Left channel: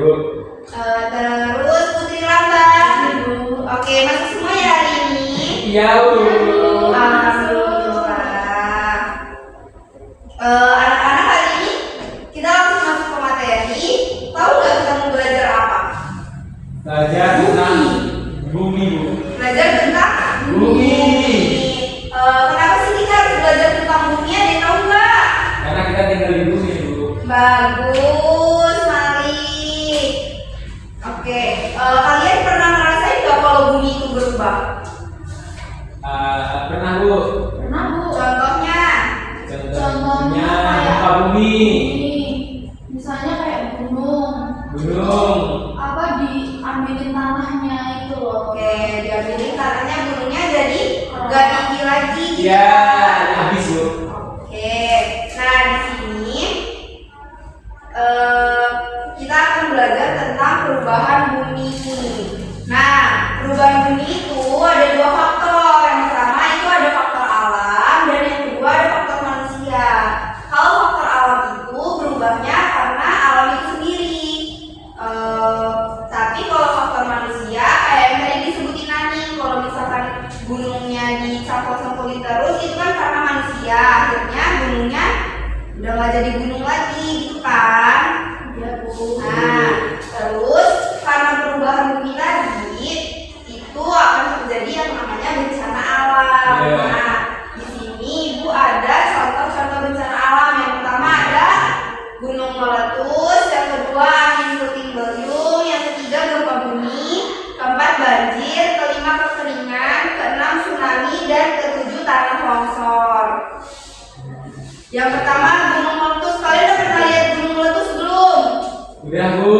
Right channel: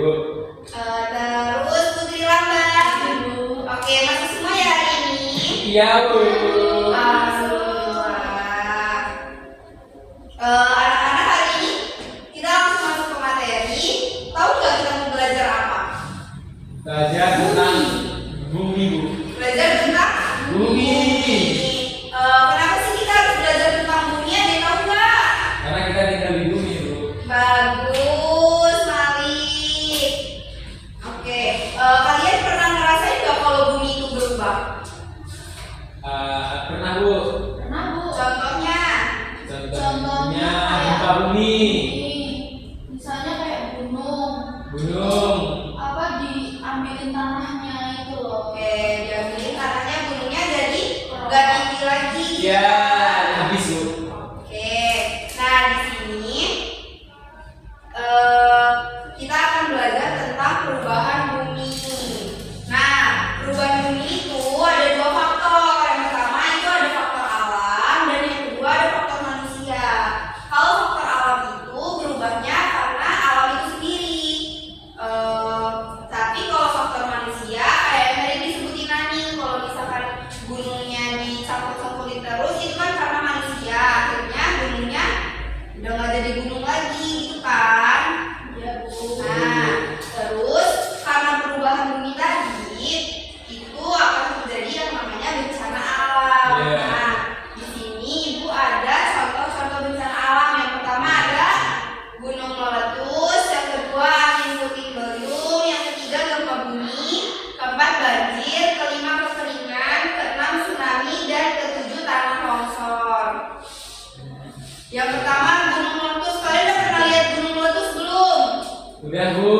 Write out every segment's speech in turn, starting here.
Bu. Terus Putri Lambang. Oke, masuk semua ya hari ini? Iya, Bu. Alhamdulillah. Anak-anak hari ini kita langsung masuk ke materi. Tahu nggak kita mau belajar apa? Belajar tentang bumi, Bu. Belajar tentang Bumi. Kenapa sih kita harus belajar tentang bumi? Ada yang tahu nggak? Karena kita tinggal di bumi, Bu. Bagus, Malik. Oke, kalian pernah ngerasain nggak kalau bumi itu berubah? Pernah, Bu. Pernah, Bu. Contohnya? Contohnya gempa bumi. Misalnya kayak gunung. Gunung. Apa diambilin tanahnya itu loh. Oke, diambilin tanahnya, gunungnya jadi nggak tinggi lagi. Gitu. Ya, habis, Bu. Oke, nah di sini kita akan belajar tentang perubahan bumi. Nah, perubahan bumi itu ada dua faktor. Yang pertama itu ada faktor alam dan yang kedua ada faktor manusia. Kalau faktor alam itu berubahnya karena alam itu sendiri. Tapi kalau faktor manusia kayak yang tadi disebutin Nani, kalau misalkan gunungnya dicangkul-cangkulin terus itu kan karena manusia, akhirnya gunungnya udah nggak jadi gunung lagi gitu kan. Iya, Bu. Nah, terus karena perubahan bumi tadi itu akan terjadi yang namanya bencana alam. Yeah. Nah, di sini Ibu ada contoh-contoh bencana alam. Yang pertama ada gunung meletus, yang kedua angin puting beliung, yang ketiga gempa bumi, keempat banjir, kelima kekeringan, keenam tsunami, dan ketujuh tanah longsor. Yang pertama gunung meletus. Kalian udah pernah lihat gunung meletus belum? Udah, Bu.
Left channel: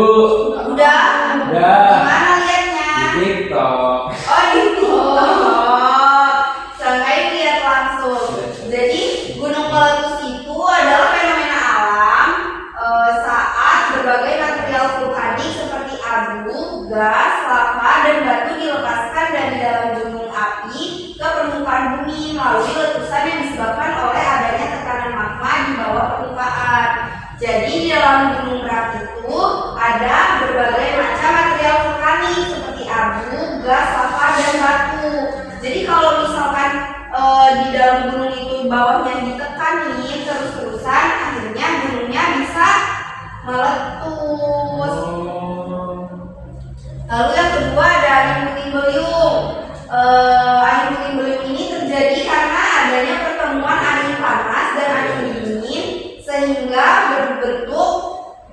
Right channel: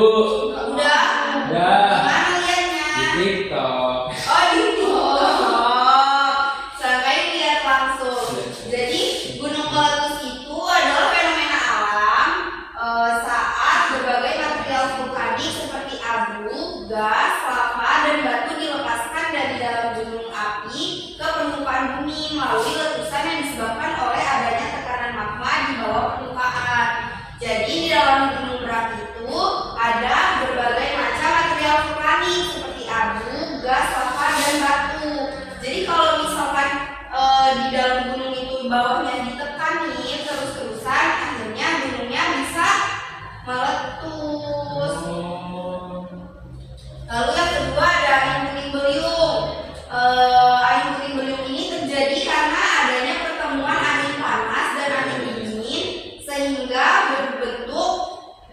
Udah? Udah. Gimana liatnya? Di TikTok. Oh, di TikTok. Seenggaknya lihat langsung. Jadi gunung meletus itu adalah fenomena alam saat berbagai material vulkanik seperti abu, gas, lava, dan batu dilepaskan dari dalam gunung api ke permukaan bumi melalui letusan yang disebabkan oleh adanya tekanan magma di bawah permukaan. Jadi di dalam gunung Merapi itu ada berbagai macam material vulkanik seperti abu, gas, lava, dan batu. Jadi kalau misalkan di dalam gunung itu bawahnya ditekanin terus-terusan, akhirnya gunungnya bisa meletus. Lalu yang kedua ada angin puting beliung. Angin puting beliung ini terjadi karena adanya pertemuan angin panas dan angin dingin sehingga berbentuk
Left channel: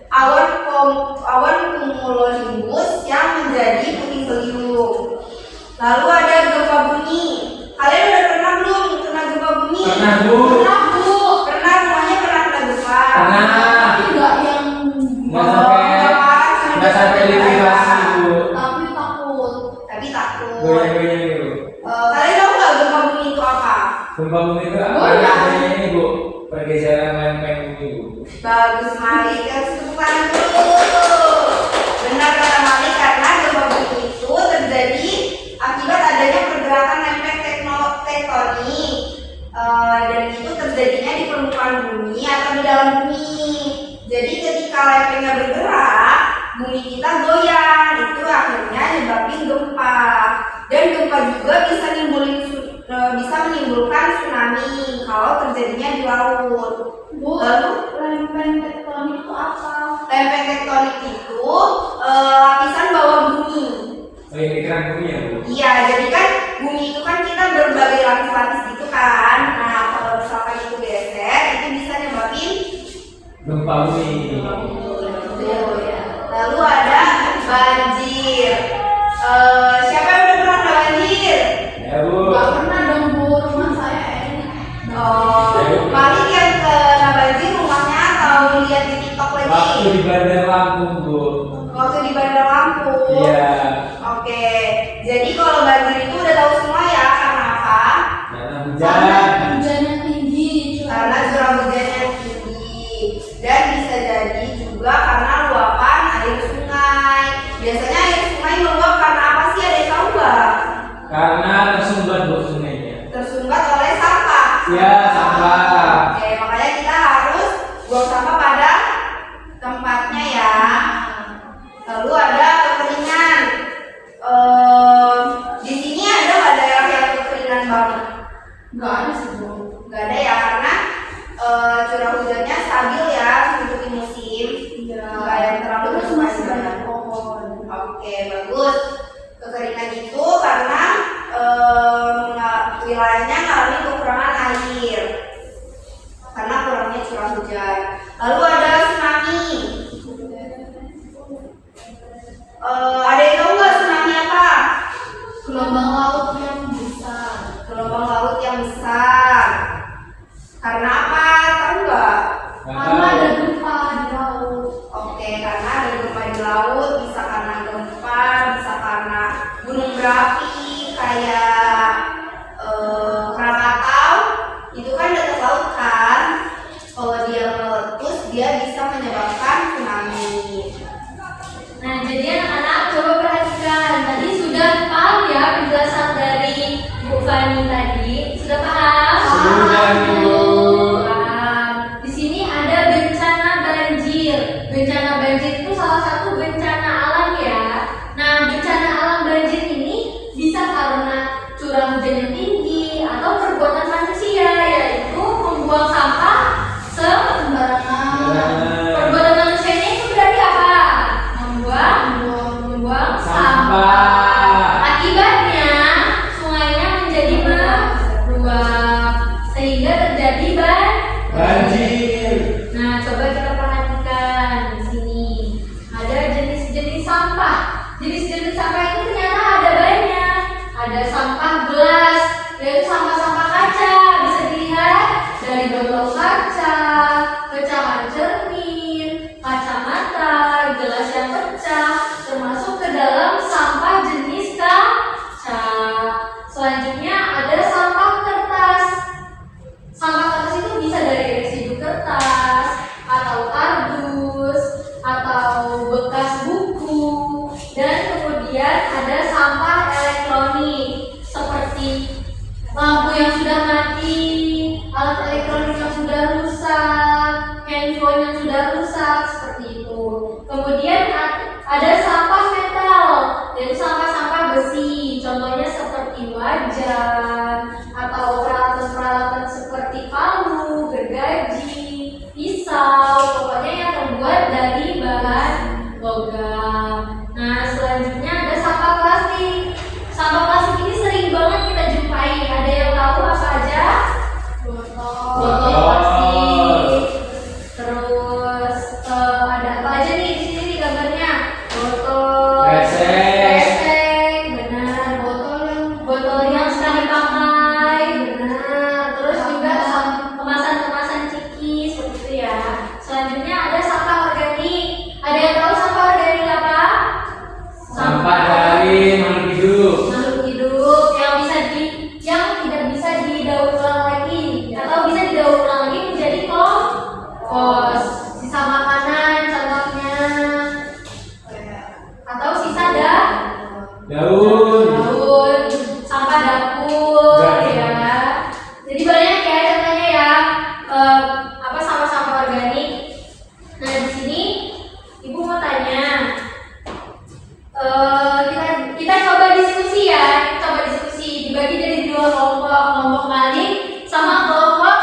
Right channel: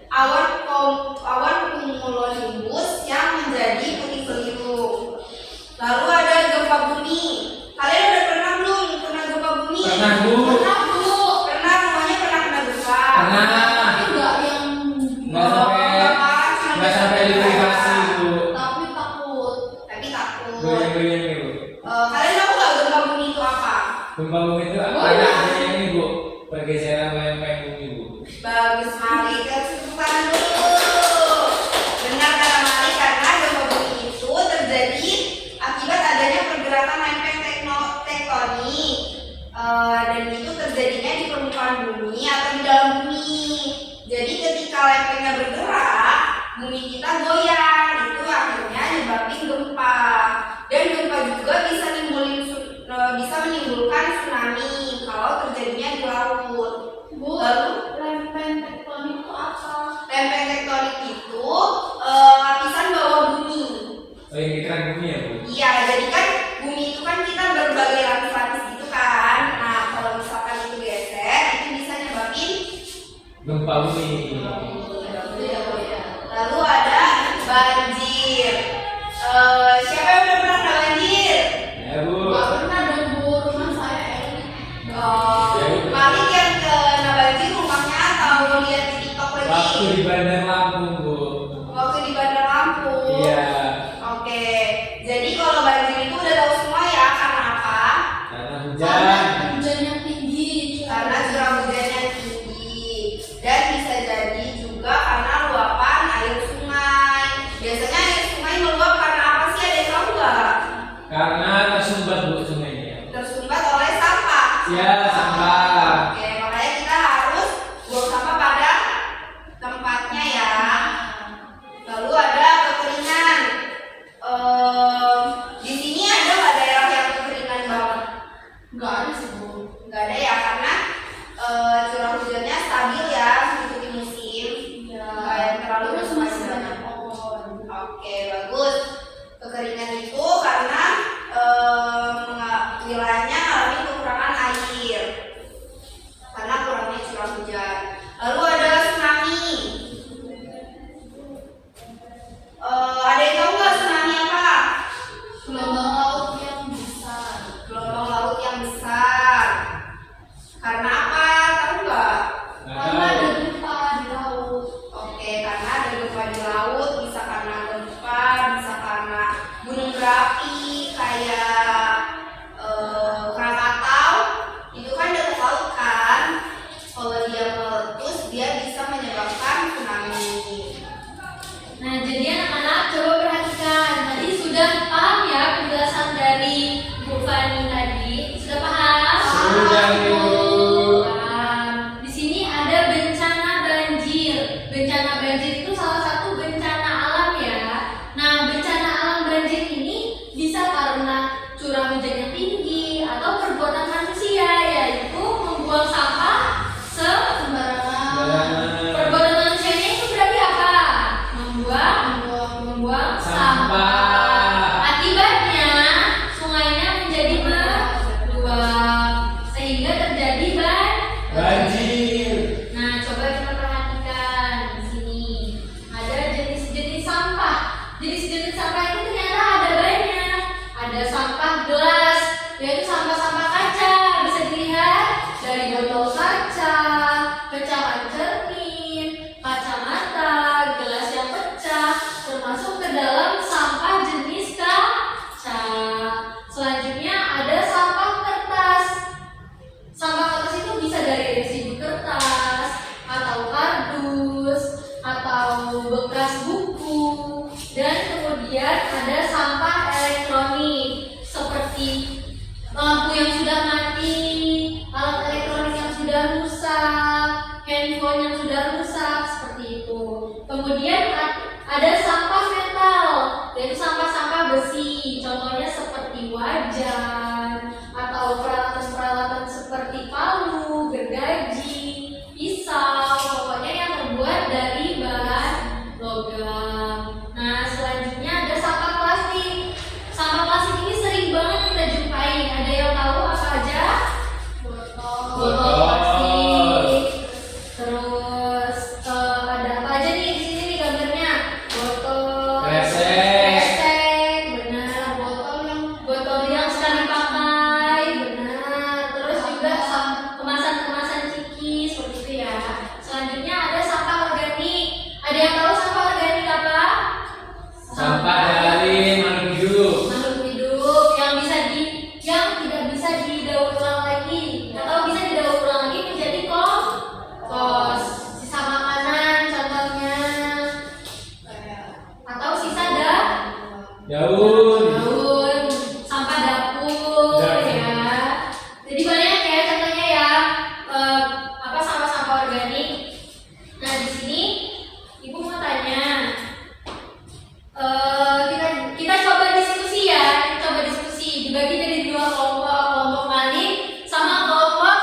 awan cumulonimbus yang menjadi puting beliung. Lalu ada gempa bumi. Kalian udah pernah belum kena gempa bumi? Pernah, Bu. Pernah, Bu. Pernah, semuanya pernah kena gempa. Pernah. Tapi enggak yang Nggak sampai likuidasi, Bu. tapi takut. Tapi takut. Goyang-goyang gitu. Kalian tahu nggak gempa bumi itu apa? Gempa bumi itu Oh, ada iya. adanya ini, Bu. Pergeseran lempeng bumi, Bu. Bagus, Malik. Tepuk tangan dulu. Benar kata Malik, karena gempa bumi itu terjadi akibat adanya pergerakan lempeng tektonik. Dan itu terjadinya di permukaan bumi atau di dalam bumi. Jadi ketika lempengnya bergerak, bumi kita goyang. Itu akhirnya nyebabin gempa. Dan gempa juga bisa menimbulkan tsunami kalau terjadinya di laut. Bu, Lalu lempeng tektonik itu apa? lempeng tektonik itu lapisan bawah bumi. Oh, ini keran bumi ya, Bu? Iya, jadi kan bumi itu kan kita berbagai lapis-lapis gitu kan. Nah, kalau misalkan itu geser, itu bisa nyebabin Gempa bumi. Betul. Lalu ada banjir. Siapa yang udah pernah kena banjir? Ya, Bu. Enggak pernah dong, Bu. Rumah saya enak. Malik yang kena banjir rumahnya atau lihat di TikTok lagi? Waktu di Bandar Lampung, Bu. Waktu di Bandar Lampung. Iya. Oke, jadi kalau banjir itu udah tahu semua ya karena apa? Karena Karena hujan. hujannya tinggi. Karena curah hujannya tinggi dan bisa jadi juga karena luapan air sungai. Biasanya air sungai meluap karena apa sih? Ada yang tahu nggak? Karena tersumbat, Bu, sungainya. Tersumbat oleh sampah. Iya, sampah. Oke, makanya kita harus buang sampah pada tempatnya ya. Oke, bagus. Kekeringan itu karena wilayahnya mengalami kekurangan air karena kurangnya curah hujan. Lalu ada tsunami. Ada yang tahu nggak tsunami apa? Gelombang laut yang besar. Gelombang laut yang besar. Karena apa? Tahu nggak? Karena ada gempa di laut. Oke, karena ada gempa di laut, bisa karena gempa, bisa karena gunung berapi kayak Krakatau. Itu kan dekat laut kan? Kalau dia meletus, dia bisa menyebabkan tsunami. Nah, jadi anak-anak coba perhatikan. Tadi sudah paham ya penjelasan dari Bu Fani tadi? Sudah paham? Sudah, Bu. Paham. Di sini ada bencana banjir. Bencana banjir itu salah satu bencana alam ya. Nah, bencana alam banjir ini bisa karena curah hujan yang tinggi atau perbuatan manusia, yaitu membuang sampah sembarangan. Perbuatan manusianya itu berarti apa? Membuang sampah. Akibatnya sungainya menjadi meluap sehingga terjadi Banjir. Nah, coba kita perhatikan di sini. Ada jenis-jenis sampah. Jenis-jenis sampah ini ternyata ada banyak. Ada sampah gelas, yaitu sampah-sampah kaca. Bisa dilihat dari botol kaca, pecahan cermin, kacamata, gelas yang pecah, termasuk ke dalam sampah jenis kaca. Selanjutnya ada sampah kertas. Sampah kertas itu bisa dari residu kertas atau kardus atau bekas buku, dan kemudian ada sampah elektronik seperti lampu yang sudah mati, alat elektronik yang sudah rusak, handphone yang sudah rusak, seperti itu. Kemudian ada sampah metal, yaitu sampah-sampah besi, contohnya seperti wajan atau peralatan-peralatan seperti palu, gergaji, pisau, pokoknya yang terbuat dari bahan logam. Nah, selanjutnya ada sampah plastik. Sampah plastik ini sering banget kita jumpai. Ada yang tahu apa aja? Botol plastik. Terus ada apa aja nih di sini nih gambarnya? Botol Kresek. benar. Botol yang sekali pakai, benar. Terus juga kemasan-kemasan ciki seperti itu ya. Selanjutnya ada sampah organik. Ada yang tahu sampah organik apa? Sampah dari makhluk hidup. Makhluk hidup yang tidak bisa didaur ulang lagi atau bisa didaur ulang lagi menjadi kompos. Sisa makanan contohnya, atau sisa Daun. sampah dapur ya. Jadi banyak ya contohnya ya, sampah-sampah organik. Nah, di sini Ibu mau tanya, kita coba diskusi ya, dibagi jadi dua kelompok, kelompok maling sama kelompok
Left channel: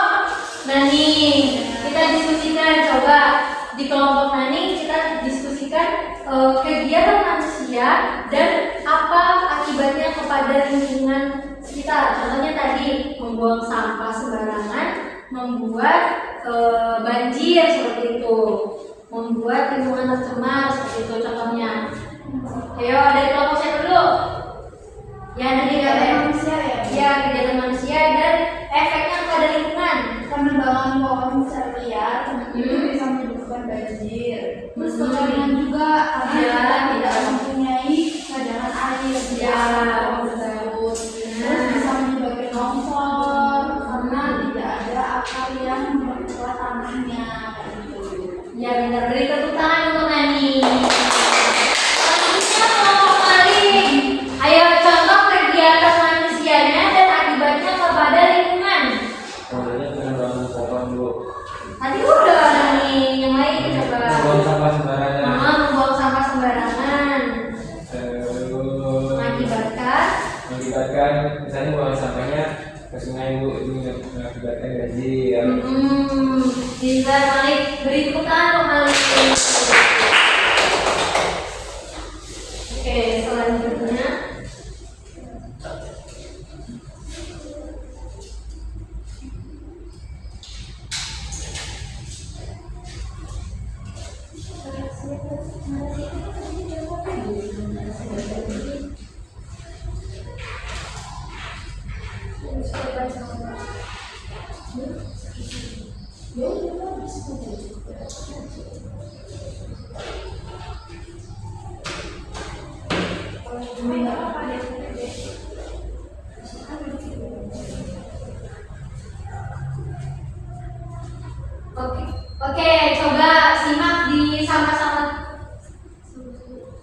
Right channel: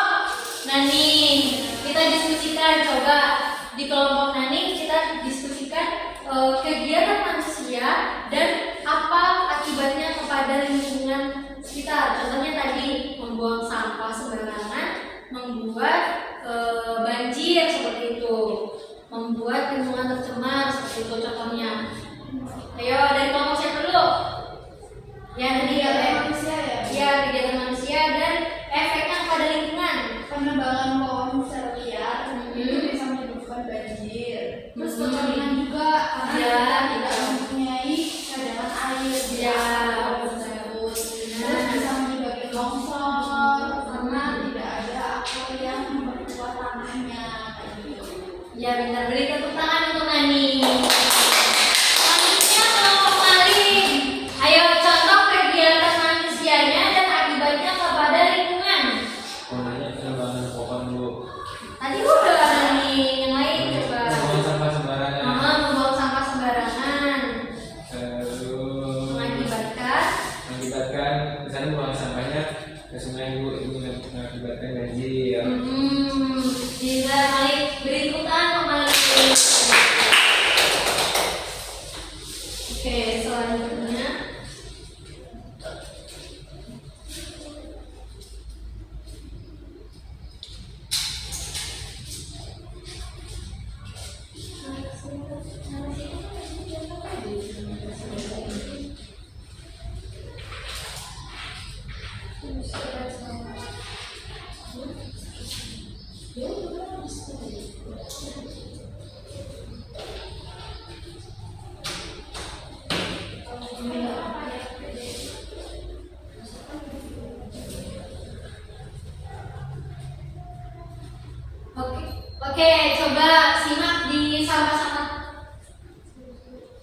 nani. Kita diskusikan, coba di kelompok nani kita diskusikan kegiatan manusia dan apa akibatnya kepada lingkungan sekitar. Contohnya tadi membuang sampah sembarangan membuat banjir seperti itu, membuat lingkungan tercemar seperti itu contohnya. Ayo dari kelompok siapa dulu? Ya, tadi Kegiatan manusia ya? Ya, kegiatan manusia dan efeknya kepada lingkungan. Penebangan pohon secara liar itu bisa menyebabkan banjir. Terus Kekeringan juga karena Ya. kita tidak mempunyai cadangan air di Ya. pohon tersebut. Terus bisa menyebabkan longsor karena tidak ada akar yang memperkuat tanahnya. Ya, benar. Beri tepuk tangan untuk Nani. Selanjutnya kelompok maling. Ayo contoh kegiatan manusianya dan akibatnya kepada lingkungan. Contohnya penebangan pohon, Bu. Tadi udah Nani, yang lain coba. Membuang sampah sembarangan. Membuang sampah sembarangan. Terus Mengakibatkan misalnya buang sampahnya ke sungai, Bu, itu mengakibatkan banjir. Bisa Malik, beri tepuk tangan untuk Malik.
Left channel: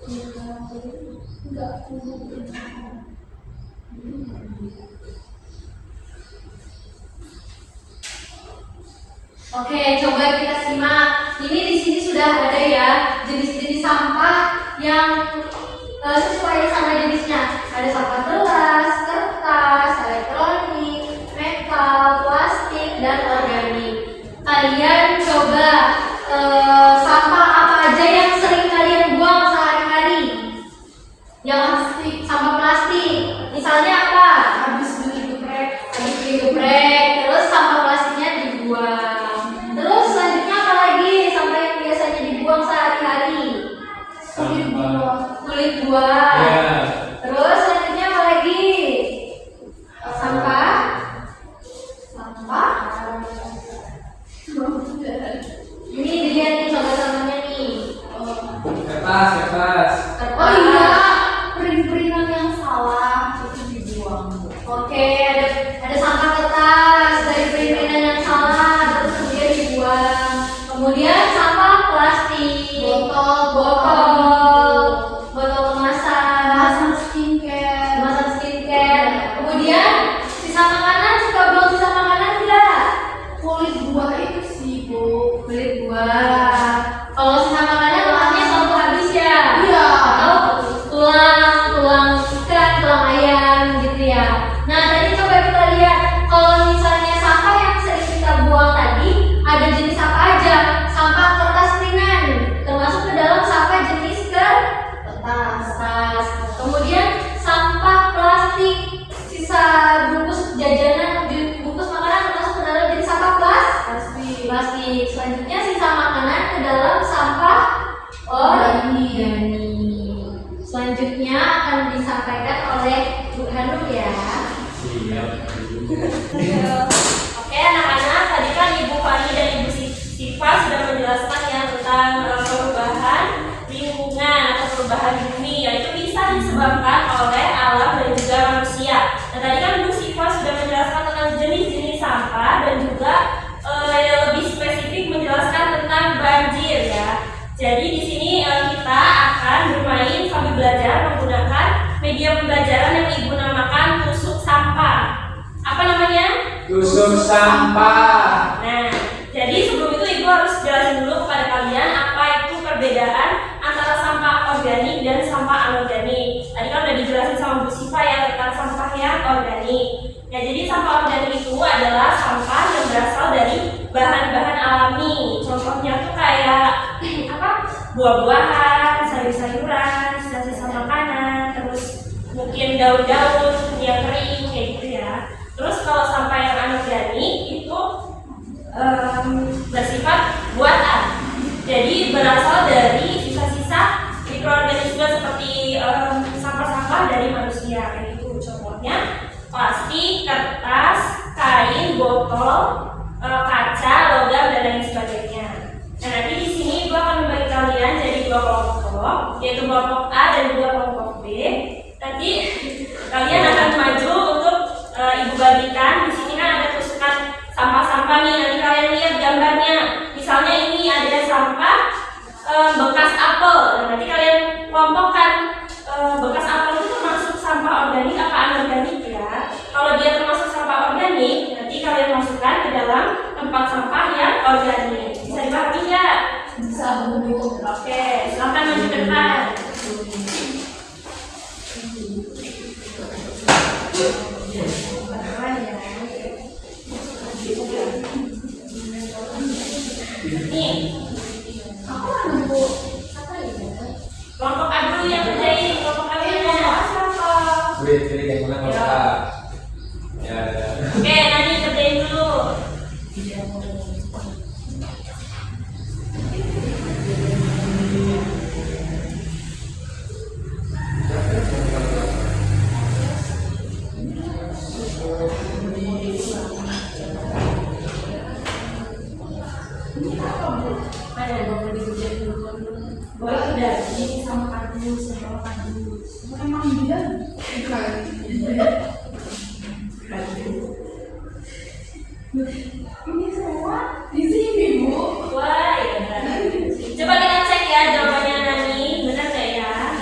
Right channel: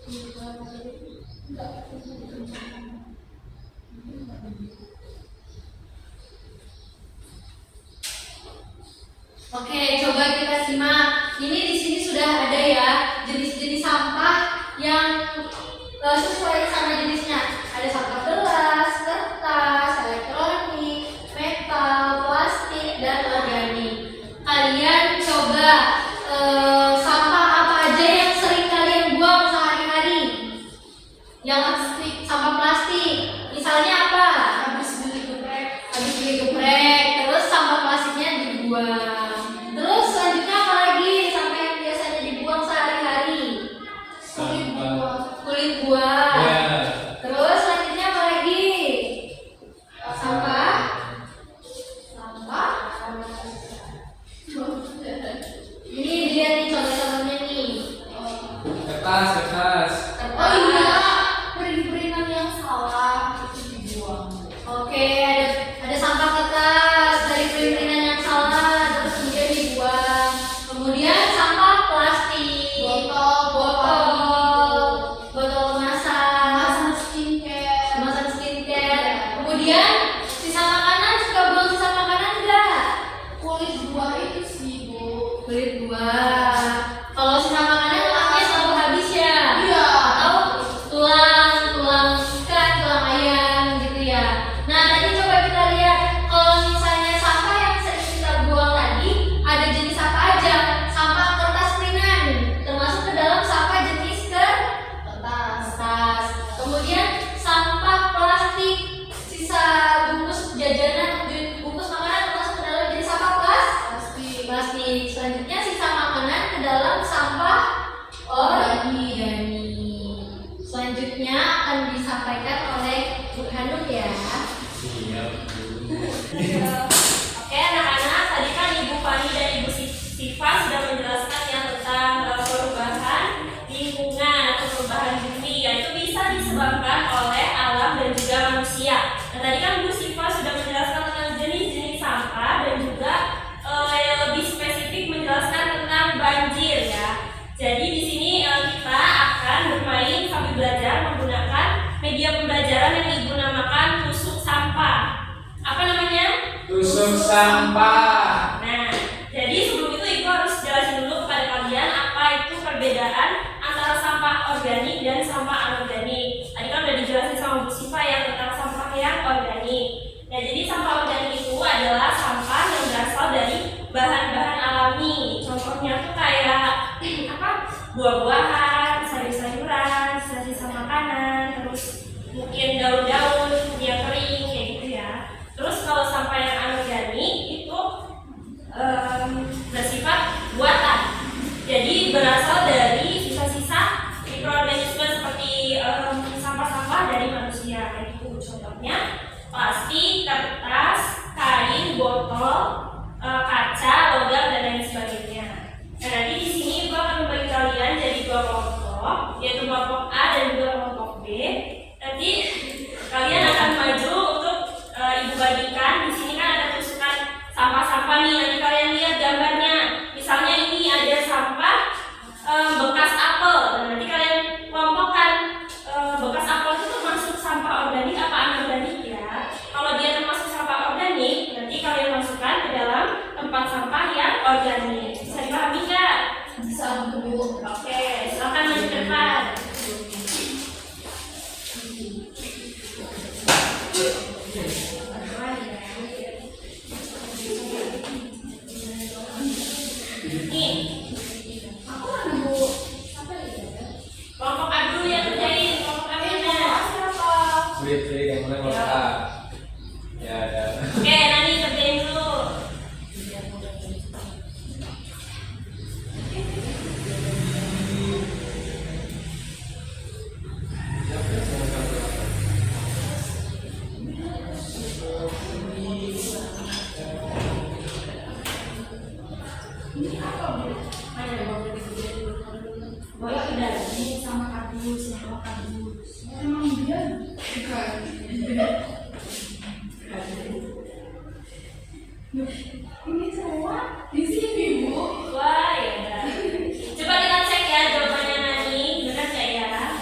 Oke, coba kita simak. Ini di sini sudah ada ya jenis-jenis sampah yang sesuai sama jenisnya. Ada sampah gelas, kertas, elektronik, metal, plastik, dan organik. Kalian coba sampah apa aja yang sering kalian buang sehari-hari? Yang plastik, sampah plastik. Misalnya apa? Habis beli geprek, terus sampah plastiknya dibuang. Terus selanjutnya apa lagi? Sampah yang biasanya dibuang sehari-hari? Kulit buah. Ya. Terus selanjutnya apa lagi? Sampah. Ini lihat nih contoh-contohnya nih. Kertas. Oh iya, pering-peringan yang salah itu dibuang. Oke, ada sampah kertas dari perintilan yang salah terus kemudian dibuang. Kemudian sampah plastik, botol kemasan skincare. Kemudian sisa makanan, suka buang sisa makanan enggak? Kulit buah itu sih, Bu. Kulit buah. Kalau sisa makanan telurnya selalu habis ya? Iya. Atau tulang ikan, tulang ayam gitu ya. Nah, tadi coba kita lihat kalau misalnya sampah yang sering kita buang tadi ada jenis apa aja? Sampah kertas ringan termasuk ke dalam sampah jenis kertas. Kemudian sampah plastik, sisa bungkus jajanan, bungkus makanan termasuk ke dalam jenis sampah plastik. Selanjutnya sisa makanan ke dalam sampah organik. Selanjutnya akan disampaikan oleh Bu Hanum ya. Oke anak-anak, tadi kan Ibu Fani dan Ibu Siva sudah menjelaskan ya tentang perubahan lingkungan atau perubahan bumi, yaitu bisa disebabkan oleh alam dan juga manusia. Nah tadi kan Bu Siva sudah menjelaskan tentang jenis-jenis sampah dan juga lebih spesifik menjelaskan tentang banjir ya. Jadi di sini kita akan bermain sambil belajar menggunakan media pembelajaran yang Ibu namakan tusuk sampah. Apa namanya? Tusuk sampah. Nah, jadi sebelum itu Ibu harus jelasin dulu kepada kalian apa itu perbedaan antara sampah organik dan sampah anorganik. Tadi kan udah dijelasin sama Bu Siva ya tentang sampah yang organik. Nah, jadi sampah organik itu adalah sampah yang berasal dari bahan-bahan alami. Contohnya tuh kayak buah-buahan, sayur-sayuran, sisa-sisa makanan, terus mungkin daun-daun yang kering kayak gitu ya. Terus kalau sampah yang anorganik itu bersifat buatan. Jadi berasal dari sisa-sisa mikroorganisme seperti sampah-sampah dari manusia kayak gitu. Contohnya plastik, kertas, kain, botol, kaca, logam dan lain sebagainya. Nah, nanti di sini gua akan membagi kalian jadi dua kelompok, yaitu kelompok A dan juga kelompok B. Nanti kalian akan maju untuk Ibu bagikan. Di sini kan ada tusukan sampah-sampah nih. Nanti kalian lihat gambarnya. Misalnya ini ada sampah bekas apel. Nah, nanti kalian kelompokkan bekas apel itu termasuk sampah organik apa anorganik ya. Kalau dia termasuk sampah organik, nanti kalian masukkan ke dalam tempat sampah yang organik. Bisa dipahami nggak? Bisa, Bu. Oke, silakan maju ke depan. Nih, kelompok A dulu yang kerjain, kelompok A yang Pilih yang mana kelompok A. Ya. Oke, nanti kerjain dulu. Boleh sudah, jadi sama kardus, sama kardus. Emang dia ini semua di sini, Bu. Wah, ya udah. Coba kita cek ya jawabannya Nani, benar nggak ya?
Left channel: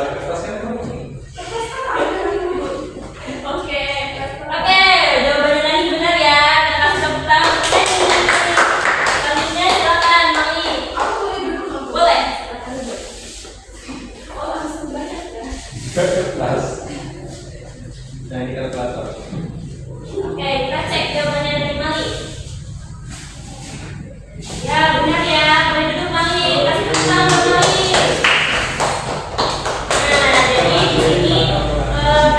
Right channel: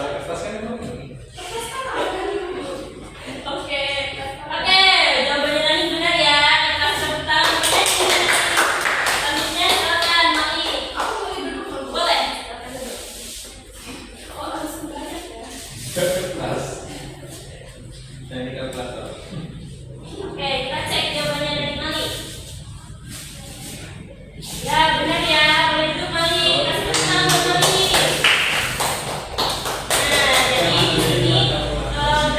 Soal kertas kan kamu nih. Oke, jawabannya tadi benar ya. Kita tepuk tangan. Selanjutnya silakan Mami. Aku boleh duduk nggak, Bu? Boleh. Silakan duduk. Oh langsung banyak ya. Kertas. Nah ini kalkulator. Oke, kita cek jawabannya dari Mami. Ya benar ya. Boleh duduk Mami. Kasih tepuk tangan buat Mami. Nah, jadi di sini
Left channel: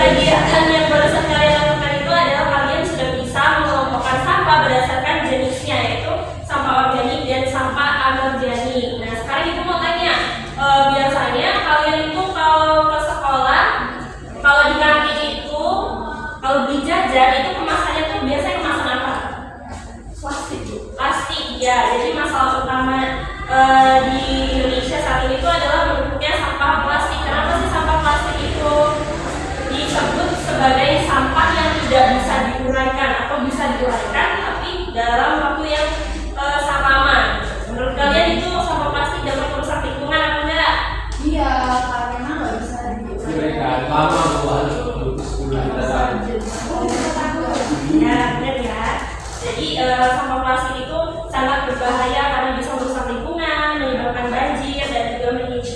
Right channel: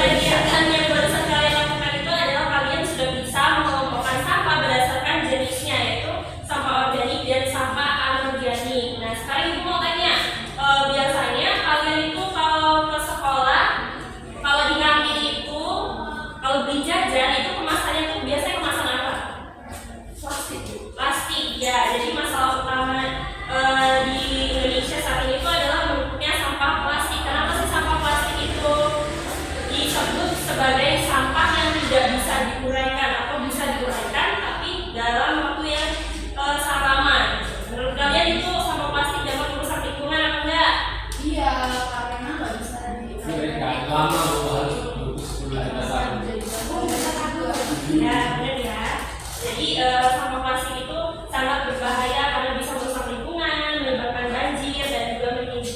kegiatan yang barusan kalian lakukan itu adalah kalian sudah bisa mengelompokkan sampah berdasarkan jenisnya, yaitu sampah organik dan sampah anorganik. Nah, sekarang ibu mau tanya, biasanya kalian itu kalau ke sekolah, kalau di kantin itu, kalau beli jajan itu kemasannya tuh biasanya kemasan apa? Plastik, Bu. Plastik ya. Jadi masalah utama di Indonesia saat ini itu adalah bentuknya sampah plastik. Kenapa sih sampah plastik itu disebut sebagai sampah yang tidak bisa diuraikan atau bisa diuraikan tapi dalam waktu yang sangat lama? Menurut kalian itu sampah plastik dapat merusak lingkungan atau enggak? Iya, karena nggak bisa Diberikan lama gua harus butuh 10 juta. Ya benar ya. Jadi sampah plastik itu sangat berbahaya karena bisa merusak lingkungan, menyebabkan banjir dan juga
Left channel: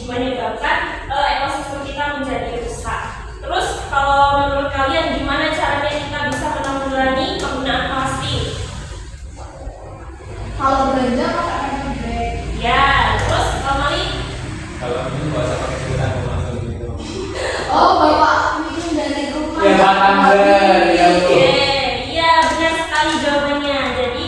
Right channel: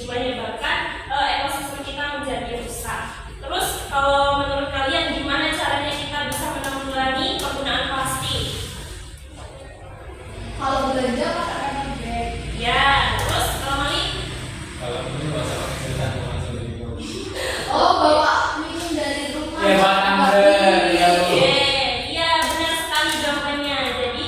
menyebabkan ekosistem kita menjadi rusak. Terus kalau menurut kalian gimana caranya kita bisa menanggulangi penggunaan plastik? Kalau belanja pakai bag. Ya, terus Mami? Kalau minum nggak usah pakai sedotan, langsung gitu. Oh, Bapak minum dari rumah. Ya Pak Amber, ya Bu. Oke, iya benar sekali jawabannya. Jadi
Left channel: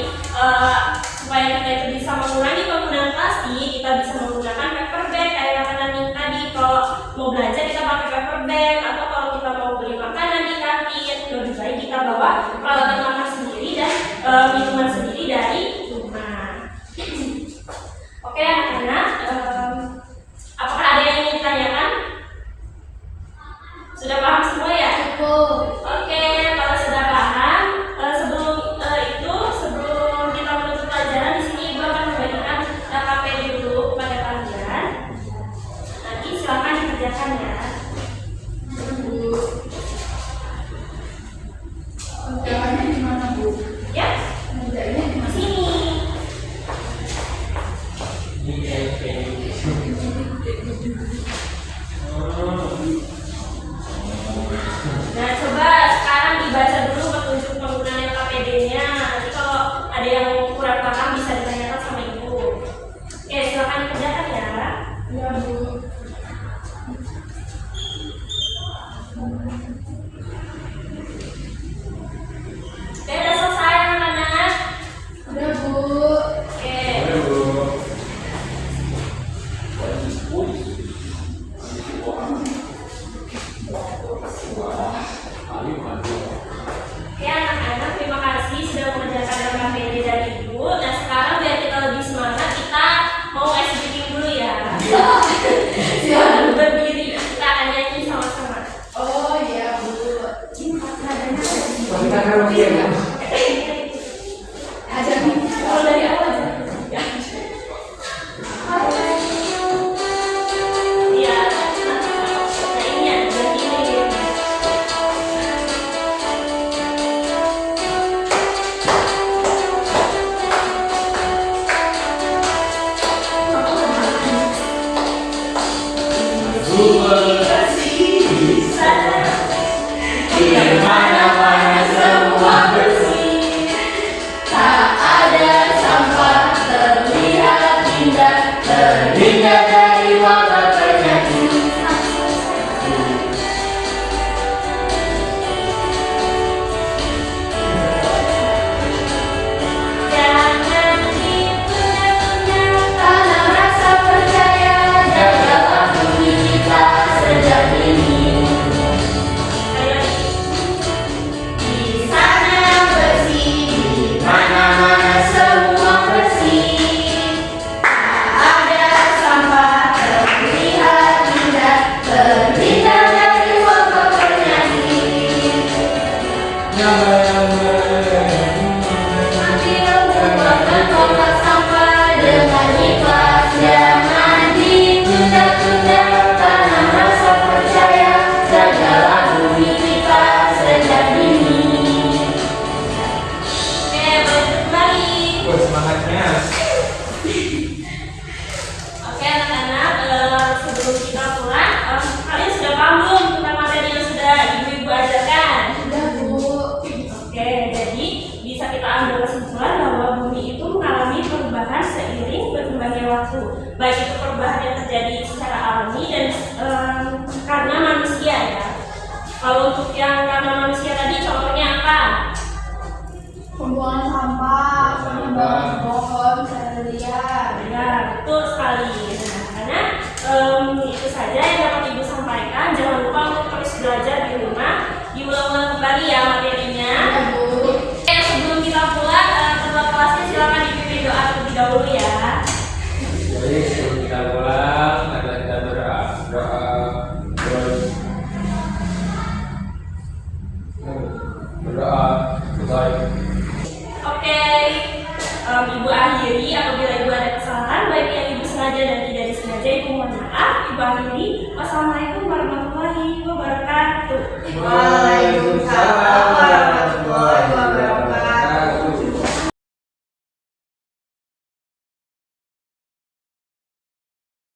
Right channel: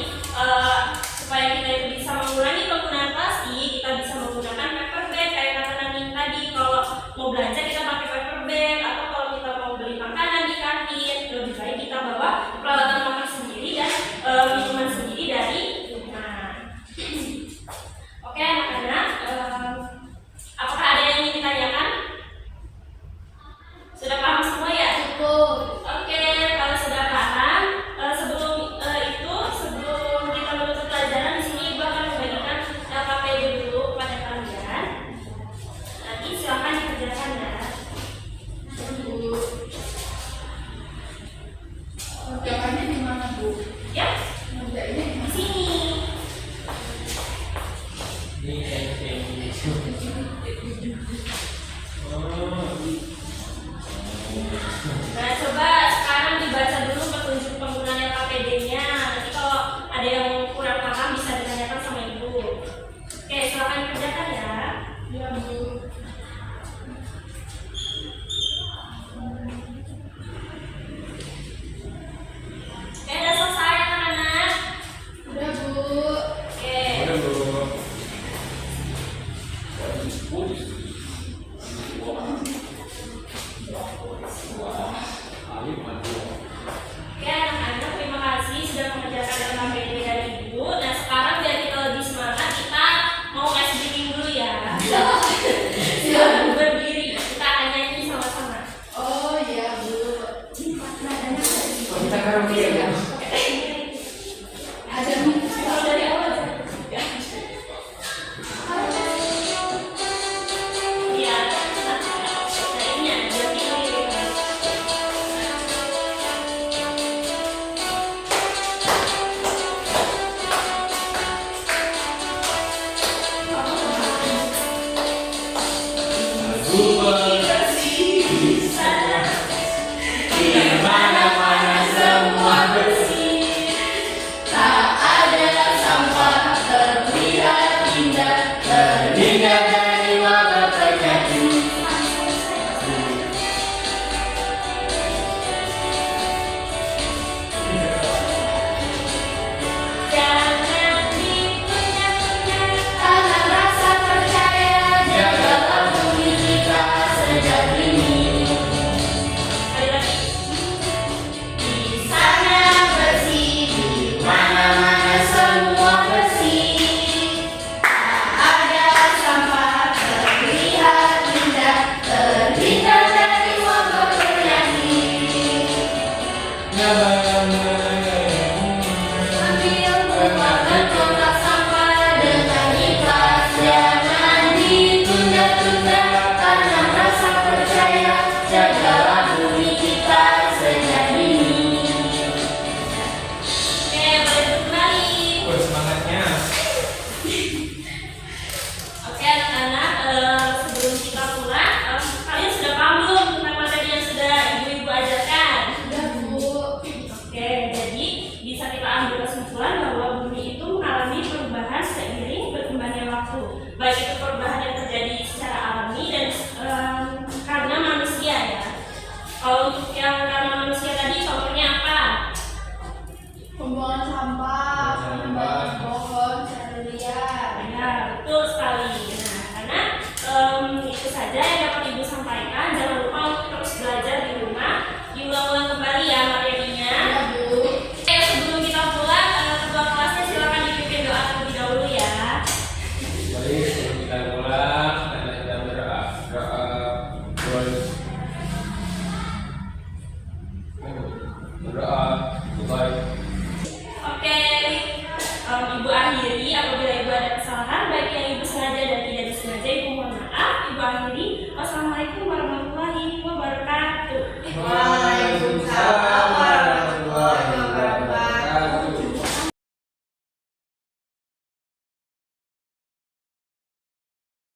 supaya kita itu bisa mengurangi penggunaan plastik, kita bisa menggunakan paper bag kayak yang Naning tadi. Kalau mau belanja kita pakai paper bag, atau kalau kita mau beli makanan di kantin, lebih baik kita bawa peralatan makan sendiri dan minuman sendiri dari rumah. Oke anak-anak, apakah ada yang ingin ditanyakan? Sudah paham semua ya? Oke, kalau sudah paham, sebelum kita menutup pelajaran di sini Ibu akan membagikan LKP dulu kepada kalian. Nanti silakan dikerjakan ya. Jawabannya di mana, Bu? Ya, Kerjanya di di mana? sini. Nah, coba sekarang dibaca dulu petunjuk penggunaan LKPD-nya. Nanti kalau ada yang kurang paham bisa ditanyakan sama Ibu. Oke, silakan dikerjakan ya. Iya, Bu. Oke, udah selesai anak-anak. Udah, Bu. Oke. Oke anak-anak, terima kasih sudah mengerjakan LKPD dan Ibu. Nah sekarang biar kita lebih semangat, kita mau ice breaking dulu ya. Silakan berdiri, kita akan nyanyi sama-sama. Oh, iya, Bu. Ini nadanya ada di Oh, kita karaoke ya, Bu. ada di Kalau dari awal ya. Iya, nah ini ya, berarti Di mana-mana semua Kalau untuk yang karena manusia tadi contohnya apa? Pembuangan sampah, Sampah. pembuangan pohon, sendirian. Ya, betul sekali. Nah, karena itu saja yang dapat Ibu sampaikan. Jangan lupa untuk terus belajar di rumah. Diulang-ulang kembali ya materinya. Oke, sebelum kita pulang, ketua kelasnya silakan dipimpin doa terlebih dahulu ya. Baik, sebelum kita pulang, ada kita berdoa. Berdoa. Baik. Oke, Ibu akhiri apabila Ibu ada kesalahan baik yang Ibu sengaja dan tidak disengaja, Ibu mohon maaf. Ibu akhiri. Wassalamualaikum warahmatullahi wabarakatuh. Waalaikumsalam warahmatullahi